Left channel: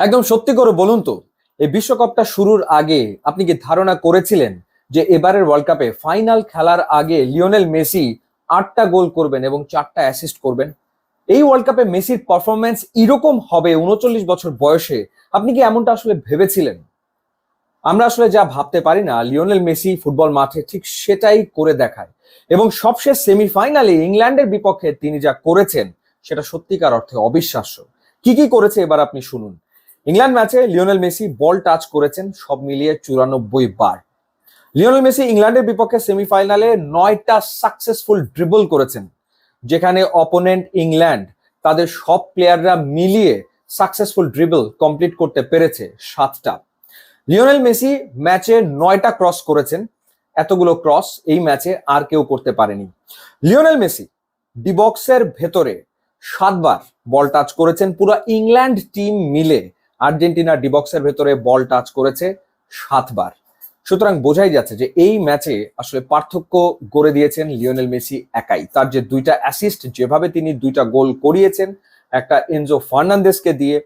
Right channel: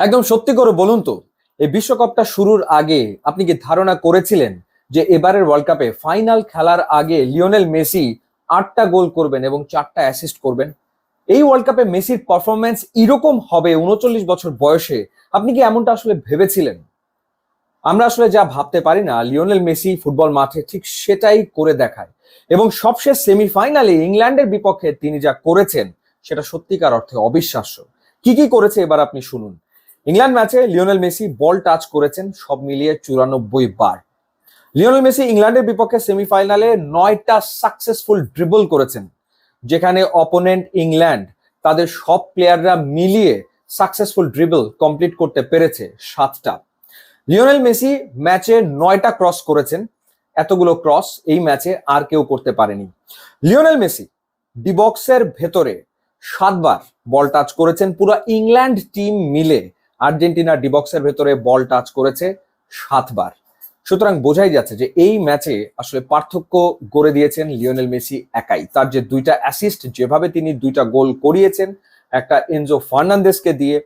একদম সত্যি করে বলুন তো, এই বিশ্বকাপটা শুরুর আগে আপনি কি ধারণা করেছিলেন যে এবারের ওয়ার্ল্ড কাপে ফাইনাল খেলার আগে লিওনেল মেসি 8টা গোল করবেন এবং 4টা অ্যাসিস্ট করবেন? এই ওয়ার্ল্ড কাপে মেসির পারফরমেন্স এরকম হবে 39 বছর বয়সে? আপনি কি এমনটা আসলে ভেবেছিলেন? আমরা আসলে যা ভাবতে পারি না, লিওনেল মেসি ফুটবল মাঠে ঠিক সেটাই করে দেখায়। এবং সবশেষ সেমিফাইনালে ইংল্যান্ডের বিপক্ষে তিনি যা করেছেন সেটা সত্যিকার অর্থে অবিশ্বাস্য। কি কি করেছে এবার আপনি শুনুন। ইংল্যান্ড ম্যাচে লিওনেল মেসি বল টাচ করেছেন সব মিলিয়ে 94 বার। লিওনেল মেসি ইংল্যান্ডের বিপক্ষে সেমিফাইনালে 9টা সাকসেসফুল ড্রিবল করেছেন, যেখানে অপোনেন্ট ইংল্যান্ড তাদের সব প্লেয়াররা মিলিয়ে সাকসেসফুল ড্রিবল কমপ্লিট করতে পেরেছে 7টা। লিওনেল মেসি ম্যাচে 9টা ক্রস করেছেন। এতগুলো ক্রস এই ম্যাচে আর কেউ করতে পারেনি। লিওনেল মেসি ডিবক্সের ভেতরে 7বার বল টাচ করেছেন। পুরো ইংল্যান্ড টিম মিলে আর্জেন্টিনার ডিবক্সের ভেতরে বল টাচ করেছে 7বার। সুতরাং বোঝাই যাচ্ছে যে এই ম্যাচে আসলে পার্থক্য করে দিয়েছেন লিওনেল মেসি একাই। তার যে 2টা অ্যাসিস্ট, যেভাবে তিনি 2টা গোল করিয়েছেন, একটা এনজো ফার্নান্দেসকে দিয়ে,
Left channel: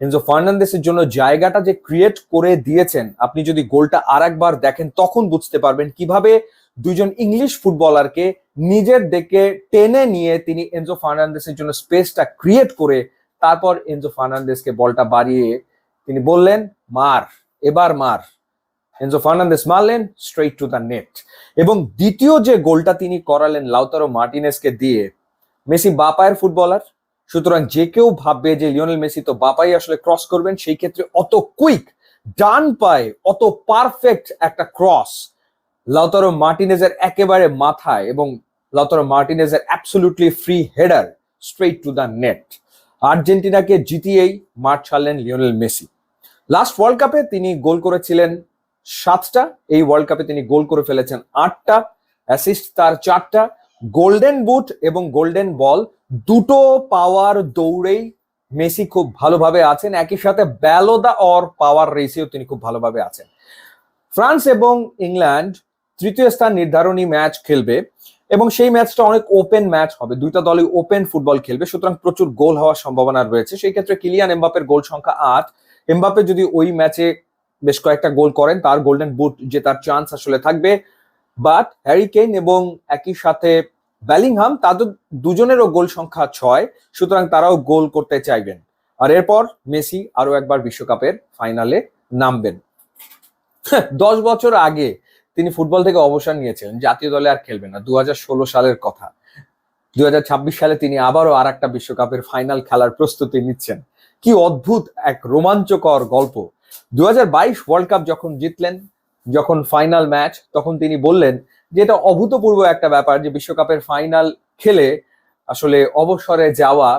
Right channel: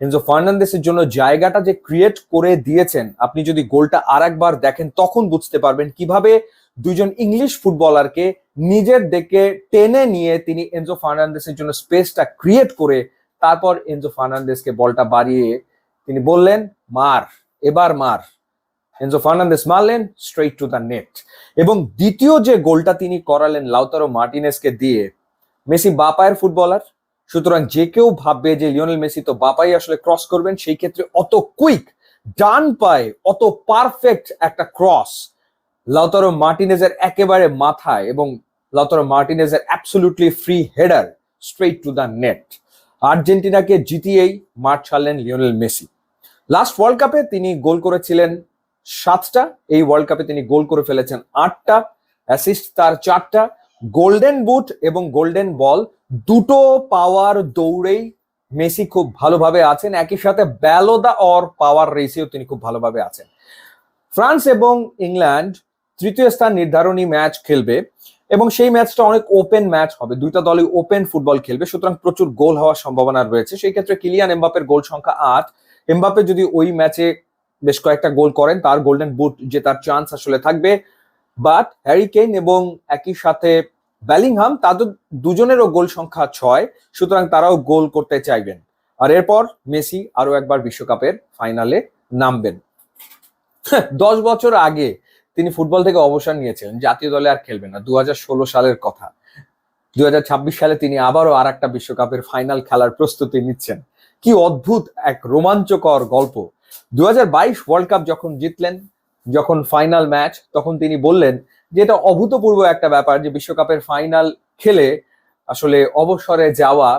এনজো ফার্নান্দেসের জন্য জায়গাটা যে ক্রিয়েট করে দিয়েছেন, আপনি যদি গোলটা আরেকবার দেখেন তখন বুঝতে পারবেন কিভাবে দুইজন ইংলিশ ফুটবলারকে নিজের দিকে টেনে নিয়ে তিনি এনজো ফার্নান্দেসের জন্য স্পেসটা ক্রিয়েট করে তারপর এনজো ফার্নান্দেসকে বলটা বাড়িয়ে তিনি বললেন, মার, এবার মার। এনজো ফার্নান্দেস মারলেন স্ট্রেট টু দ্য নেট। এবং দ্বিতীয় যে গোলটা তিনি করালেন লাউতারো মার্টিনেজকে দিয়ে, মেসি বাপায়ের ফুটবলার, সুতরাং যে কেউ ভাববে যে লিওনেল মেসি তো বাপাই আসলে ক্রস করবেন, সেই ক্ষেত্রে অত কুইক ডান পায়ে অত পারফেক্ট একটা ক্রস লাউতারো মার্টিনেজের একেবারে মাথায়, এবং লাউতারো মার্টিনেজের absolutely free header straight to the net. আর্জেন্টিনাকে জিতিয়েই মাঠ ছাড়লেন লিওনেল মেসি। লাস্ট ওয়ার্ল্ড কাপে তিনি গোল করেছিলেন 7টা, এই ওয়ার্ল্ড কাপে তিনি গোল করে ফেলেছেন 8টা, অ্যাসিস্ট তার 4টা। গোল্ডেন বুট এবং গোল্ডেন বল দুটো পাওয়ার দৌড়েই মেসি খুব ভালোভাবে আছেন। একই সাথে ব্যালো দা অর পাওয়ার রেসেও তিনি খুব ভালোভাবে আছেন। ফ্রান্স এবং ইংল্যান্ড তৃতীয় স্থান নির্ধারণী ম্যাচ খেলবে এবং সেই ম্যাচটা অনেক ওপেন ম্যাচ হবে। দুটো দলই ওপেন ফুটবল খেলবে, সুতরাং প্রচুর গোল হওয়ার সম্ভাবনা রয়েছে। সেই ক্ষেত্রে কিলিয়ান এমবাপ্পের গোল সংখ্যা 8। এমবাপ্পে যদি ওই ম্যাচে বেশ কয়েকটা গোল করেন, তার গোল্ডেন বল জেতার চান্স আসলে থাকবে। বাট হ্যারি কেইন এবং একই সাথে বেলিংহাম, তাদের দুজনেরও গোল সংখ্যা 6, সুতরাং তারাও গোল করতে চাইবেন। আর এরপর মেসি আরো একবার বিশ্বকাপের ফাইনালে নামবেন। 10 বছর আগে তিনি ফুটবল থেকে অবসর নিয়েছিলেন, জাতীয় দলে আর খেলবেন না, 2016 সালের কথা। 2026 সালে তিনি আবারও আর একটা বিশ্বকাপের ফাইনাল খেলার প্রস্তুতি নিচ্ছেন। কি অদ্ভুত এক রোমাঞ্চকর গল্প। 2022 ওয়ার্ল্ড কাপ যখন জিতলেন, যখন ফাইনাল ম্যাচ, তখন তিনি বললেন যে এটা অভূতপূর্ব একটা ব্যাপার যে বিশ্বকাপের ফাইনাল খেলে আসলে অবসরে যাওয়া,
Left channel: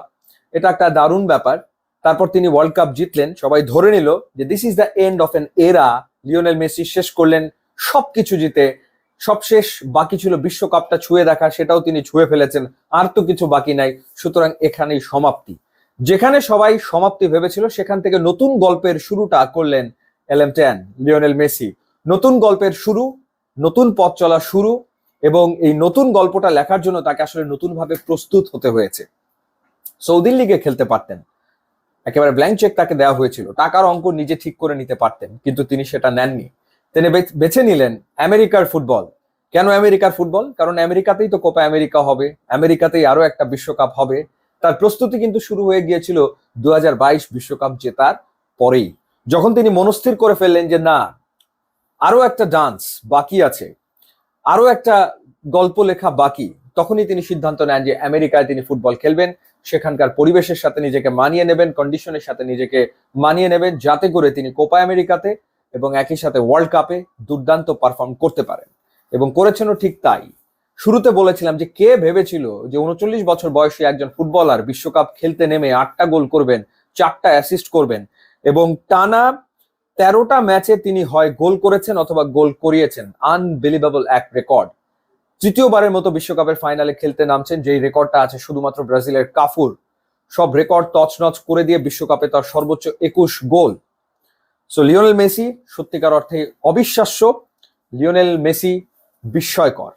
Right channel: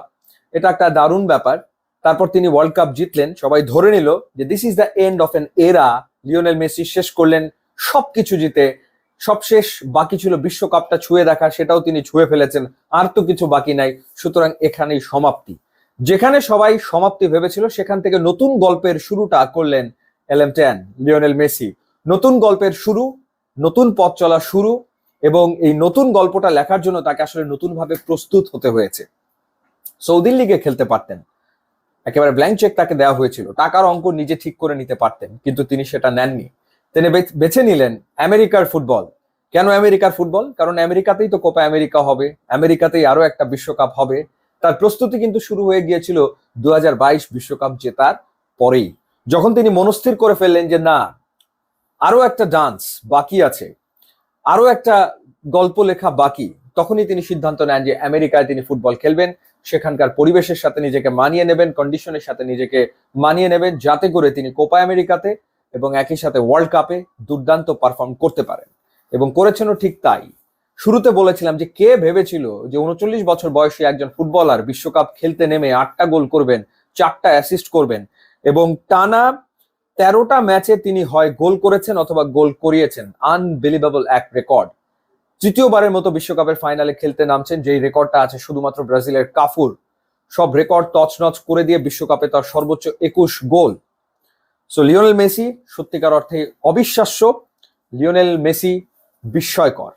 এটা একটা দারুণ ব্যাপার। তারপর তিনি ওয়ার্ল্ড কাপ জিতলেন, সবাই ধরে নিল যে this is the end of N এরা। লিওনেল মেসি শেষ করলেন সবকিছু জিতে। সবশেষ বাকি ছিল বিশ্বকাপটা ছুঁয়ে দেখা, সেটাও তিনি ছুঁয়ে ফেলেছেন। আর তো কিছু বাকি নাই, সুতরাং এখানেই সমাপ্তি। যেখানে সবাই সমাপ্তি ভেবেছিল, সেখান থেকে নতুন গল্পের শুরুটা করলেন এলএম10 লিওনেল মেসি। নতুন গল্পের শুরু, নতুন পথ চলা শুরু, এবং এই নতুন গল্পটা লেখার জন্য তাকে আসলে নতুন ভাবে প্রস্তুত হতে হয়েছে। সৌদি লিগে খেলতে পারতেন, একেবারে ব্ল্যাঙ্ক চেক তাকে দেওয়া হয়েছিল, টাকার অঙ্ক নিজে ঠিক করে নিতে পারতেন, কিন্তু তিনি সেটা নেননি। তিনি বেছে নিলেন আমেরিকার ফুটবল। কেন আমেরিকার ফুটবল? কারণ আমেরিকাতেই তো কোপা আমেরিকা হবে, আমেরিকাতেই আরো একটা বিশ্বকাপ হবে। তার প্রস্তুতি কিন্তু শুরু হয়ে গিয়েছিল 2022 বিশ্বকাপ জেতার পরেই, যখন তিনি মনস্থির করে ফেললেন যে না, আরো একটা ডান্স বাকি আছে, আরো একটা গল্প লেখা বাকি। তখনই তিনি সিদ্ধান্ত নেন যে আমেরিকায় তিনি ফুটবল খেলবেন, সেখানকার পরিবেশের সাথে নিজেকে মানিয়ে নেবেন, কন্ডিশনের সাথে নিজেকে মানিয়ে নেবেন, যাতে করে তিনি কোপা আমেরিকাতে এবং একই সাথে ওয়ার্ল্ড কাপে দুর্দান্ত পারফর্ম করতে পারেন। এবং করেছেনও ঠিক তাই। শুরুতে বলেছিলাম যে কে ভেবেছিল যে 39 বছর বয়সী একজন ফুটবলার বিশ্বকাপ খেলতে নেমে 8টা গোল করবেন, 4টা অ্যাসিস্ট করবেন, এবং টানা 13টা ম্যাচে তিনি হয় গোল করেছেন অথবা গোল করিয়েছেন। আনবিলিভেবল এক রেকর্ড। তৃতীয়বারের মতো বিশ্বকাপের ফাইনালে খেলতে নামছেন, যেই রেকর্ডটা আছে শুধুমাত্র ব্রাজিলের কাফুর। সব রেকর্ড তছনছ করে দিয়ে বিশ্বকাপে তার সর্বোচ্চ 21 গোল। সো লিওনেল মেসি সত্যিকার অর্থে অবিশ্বাস্য, লিওনেল মেসি বিস্ময়কর।